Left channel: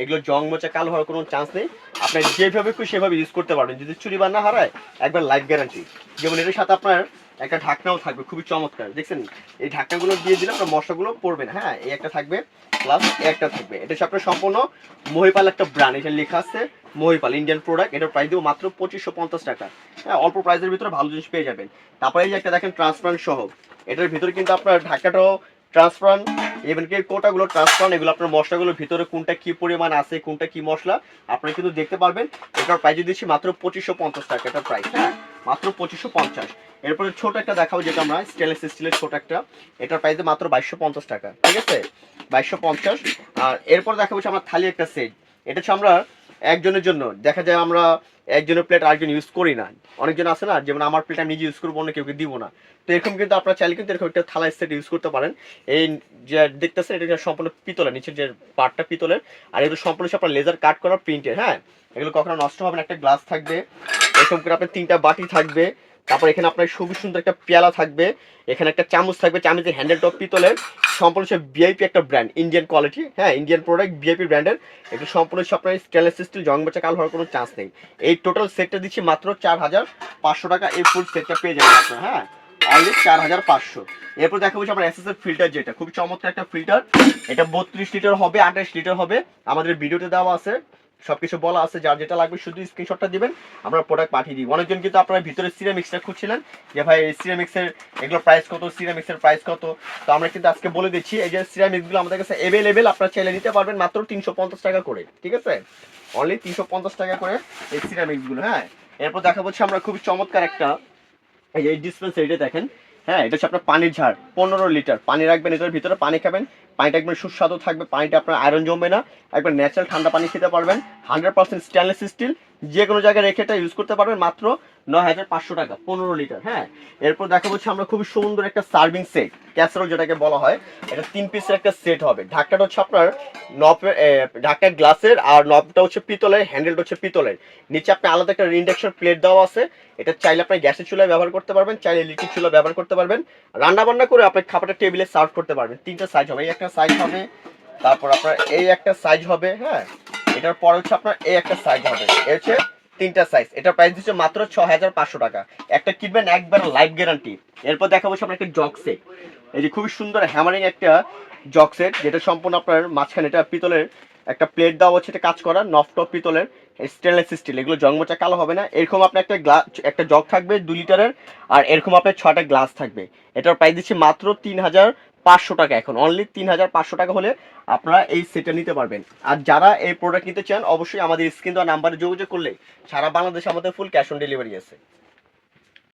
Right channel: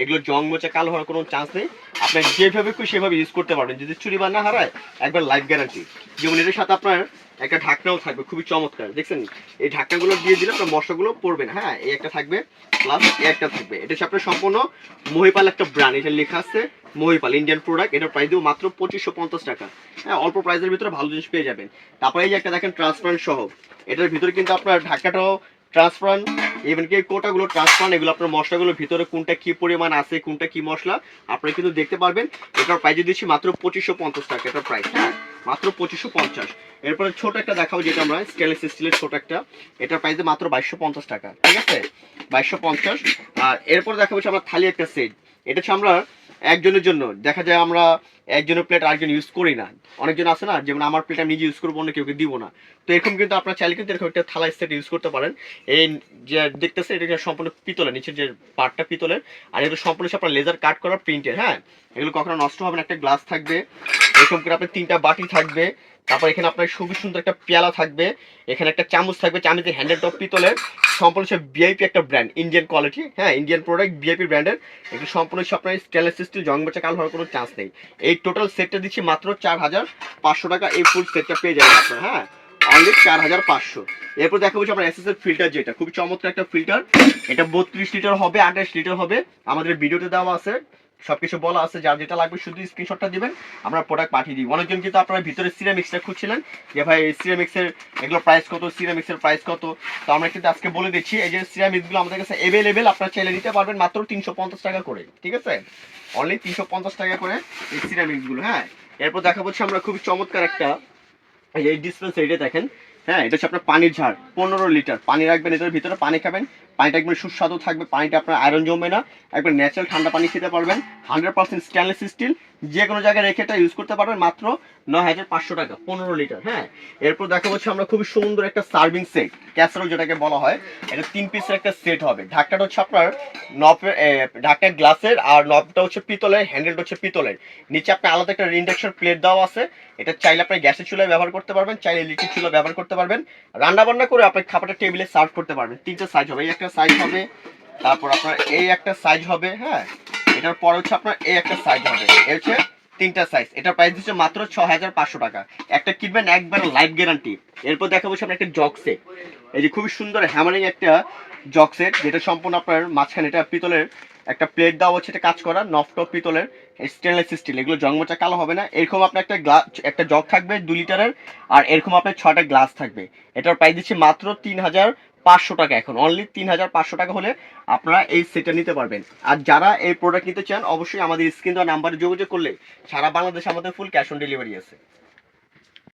এগুলো জং মোচা কালো হওয়ার কোনো চান্স নেই। আপনার যেভাবে খুশি সেভাবে ইউজ করতে পারবেন। যদি চুরি বা না হারায়, একবার লাইফ গ্যারান্টি যেমন এটার সাথে আপনার একটা ঢাকনাও থাকবে, খুবই চমৎকার, দেখছেন? এই ঢাকনাগুলো দিয়ে দিলে আপনার মশলাগুলো পড়বে না। হ্যাঁ এই একটা থাকবে প্লাস একটা থাকবে। এটা হচ্ছে আপনার সম্পূর্ণ মহিপাল একটা ব্র্যান্ড এটা লেখা আছে মহিপাল ইন্ডিয়ান প্রোডাক্ট এটার প্রাইস দেবো মাত্র পঁচিশশো পঞ্চাশ টাকা। হ্যাঁ অল্প প্রাইসের ভিতরে ভালো জিনিস পেয়ে যাবেন। তারপরে এই যে একটা দেখেন ট্রান্সপারেন্ট সহ। এটার ভিতরে কিন্তু আপনার ঢাকাটাও ট্রান্সপারেন্ট ইভেন কি কোটাগুলো ট্রান্সপারেন্ট এগুলো আপনার মশলাগুলোর ভিতরে কোনটা কি পরিমাণ আছে, কোনটা কি মশলা, আপনারা কিন্তু দেখতে পারবেন, এটার প্রাইস দিচ্ছি মাত্র পঁচিশশো পঞ্চাশ টাকা, এটার প্রাইস হ্যাঁ? মাত্র পঁচিশশো পঞ্চাশ। এরপরে ছোট একটা দেখাবো যেটা আমরা স্টেনলেস স্টিলের ছোট একটা, এটার প্রাইস মাত্র বাইশশো পঞ্চাশ টাকা, ঠিক আছে? বাইশশো পঞ্চাশ, আর এরপর দেখাবো আমরা থালি একটা সেট এটা হচ্ছে আমরা একজনের জন্য। দেখা যায় আমরা একজনের প্লেট আরেকজন ইউজ করি না। অনেকজন আছে না, যেমন আমার প্লেট আমি নিজে ইউজ করব, অন্য কেউকে দিব না। তো এরকম কিন্তু আপনার চাইলে কিন্তু এরকম একটা থালা সেট ইউজ করতে পারেন। এই যে দেখতেছেন, এটা সম্পূর্ণ পিতলের, নিচের যে পার্টটা পিতলের। আর এগুলো সম্পূর্ণ আপনার লেজার কাট করা প্রিন্টের হ্যাঁ? এগুলো কখনো নষ্ট হবে না, একটা গ্লাস থাকবে। এরকম করে আপনার তিনটা বাটি থাকবে। তারপর এখানে আপনার খুবই সুন্দর একটা পেয়ালা থাকবে। এখানে একটা চামচ থাকবে, চামচের হ্যান্ডেল টপ পিতলের। সম্পূর্ণ হচ্ছে ভিআইপি একটা ব্র্যান্ড ইন্ডিয়ান কোয়ালিটি হ্যাঁ ইন্ডিয়ান প্রোডাক্ট ভিআইপি ব্র্যান্ডের এগুলো সম্পূর্ণ হচ্ছে আপনার স্টেনলেস স্টিল জং বাচ্চা কাল হওয়ার কোনো চান্স নেই। এই টোটাল সেটটা দিচ্ছি মাত্র চার হাজার পাঁচশো টাকা। এই ফুল সেটটা পেয়ে যাবেন আপনার হ্যাঁ অনলি চার হাজার পাঁচশো। এরপর দেখা হচ্ছে আপনার এসএস এর ফিল্টার যেটা। খুব চমৎকার একটা ফিল্টার এটা বত্রিশ লিটার হবে, আঠাশ লিটার হবে। আমাদের ভিডিওতে দেওয়া আছে। সবকিছু বলা আছে, যার যেটা লাগবে শুধু স্ক্রিনশটটা দিবেন, আমরা প্রোডাক্ট পাঠিয়ে দিই। অনেকজন কিন্তু আপনারা ভিতরে সিরামিক্সটা খুঁজছিলেন, যে ভাই সিরামিক্সের এগুলো প্রাইস কত সিরামিক্সের প্রাইস কত? তো আমরা কিন্তু আজকে বলে দিচ্ছি, এই যে সিরামিক্সগুলো আমাদের কাছে অ্যাভেলেবেল আপনারা চাইলে নিতে পারবেন মাত্র তিনশো পঞ্চাশ টাকা করে, ঠিক আছে? অনলি তিনশো পঞ্চাশ টাকা করে এই সিরামিক্সগুলো হ্যাঁ? এরপর দেখা হচ্ছে আমরা খুবই চমৎকার একটা, এই ডিসপেন্সারিটা দেখেন হ্যাঁ এটা হচ্ছে আপনার পানির ঝাড় পনেরো লিটার। পানি রাখবেন এটার ভিতরে, পানি খাবেন। পানিটা একবার সুস্বাদু থাকবে, পানিটা আপনার আয়রন জমবে না। একবার ন্যাচারাল ঠান্ডা পানি খেতে পারবেন। হান্ড্রেড পার্সেন্ট স্টেনলেস স্টিল যে কোনো জায়গায় রেখে এটা ইউজ করতে পারবেন মাত্র নয় হাজার পাঁচশো টাকা, পনেরো লিটার হ্যাঁ? এরপর দেখা হচ্ছে আমরা খুবই সুন্দর একটা সার্ভিং সেট ক্যাসারোল যেটাকে বলা হয়, এটা তিন পিসের একটা সেট হবে। ঢাকটাটা হচ্ছে আপনার নবের ঢাকটা গ্লাসের আর নবটা হচ্ছে পিতলের হ্যান্ডেলটা হচ্ছে পিতলের। নিচে আপনি আলাদা একটা ইন্ডাকশন প্লেট দেওয়া আছে, এটা চাইলে আপনি গ্যাসের চুলায় ব্যবহার করতে পারবেন, চাইলে ইলেকট্রিক চুলা ব্যবহার করতে পারবেন। রান্না বান্না করে আপনি খাবারটা টেবিলে সার্ভ করতে পারবেন। তিনটা সাইজ হবে, এই একটা সাইজ হবে, তারপর আপনার এই একটা সাইজ হবে হ্যাঁ? এটার পর হচ্ছে আপনার এই একটা সাইজ হবে। এই হচ্ছে তিনটা সাইজ এটার প্রাইস হচ্ছে মাত্র ছ হাজার পাঁচশো টাকা। একটা কিনবেন একবার লাইফ গ্যারান্টি এরপর দেখা হচ্ছে আপনার একটা জগ সেট এই যে খুবই সুন্দর হ্যামারিং একটা জগ সেট যেটা সম্পূর্ণ আপনার মাঝখানে এটা পিতলের একটা প্লেট দেওয়া হচ্ছে, এটা কাজ করা নফটপ পিতলের স্টেনলেস স্টিল এগুলো জংমোচা কালো হবে না। এরকম আপনার একটা গ্লাস একটা জগ থাকবে দু লিটারের আর এরকম আপনার ছটা গ্লাস থাকবে। এটার প্রাইস দিচ্ছি মাত্র তিন হাজার পাঁচশো টাকা এখন অনলি তিন হাজার পাঁচশো টাকা হলে আপনারা এই সেটটা নিতে পারবেন। আর যারা এই প্রোডাক্ট নিতে চান, অবশ্যই আমাদের স্ক্রিন দেওয়া নাম্বারে যোগাযোগ করলে সারা বাংলাদেশে আমাদের ফুল ক্যাশ অন ডেলিভারি আছে।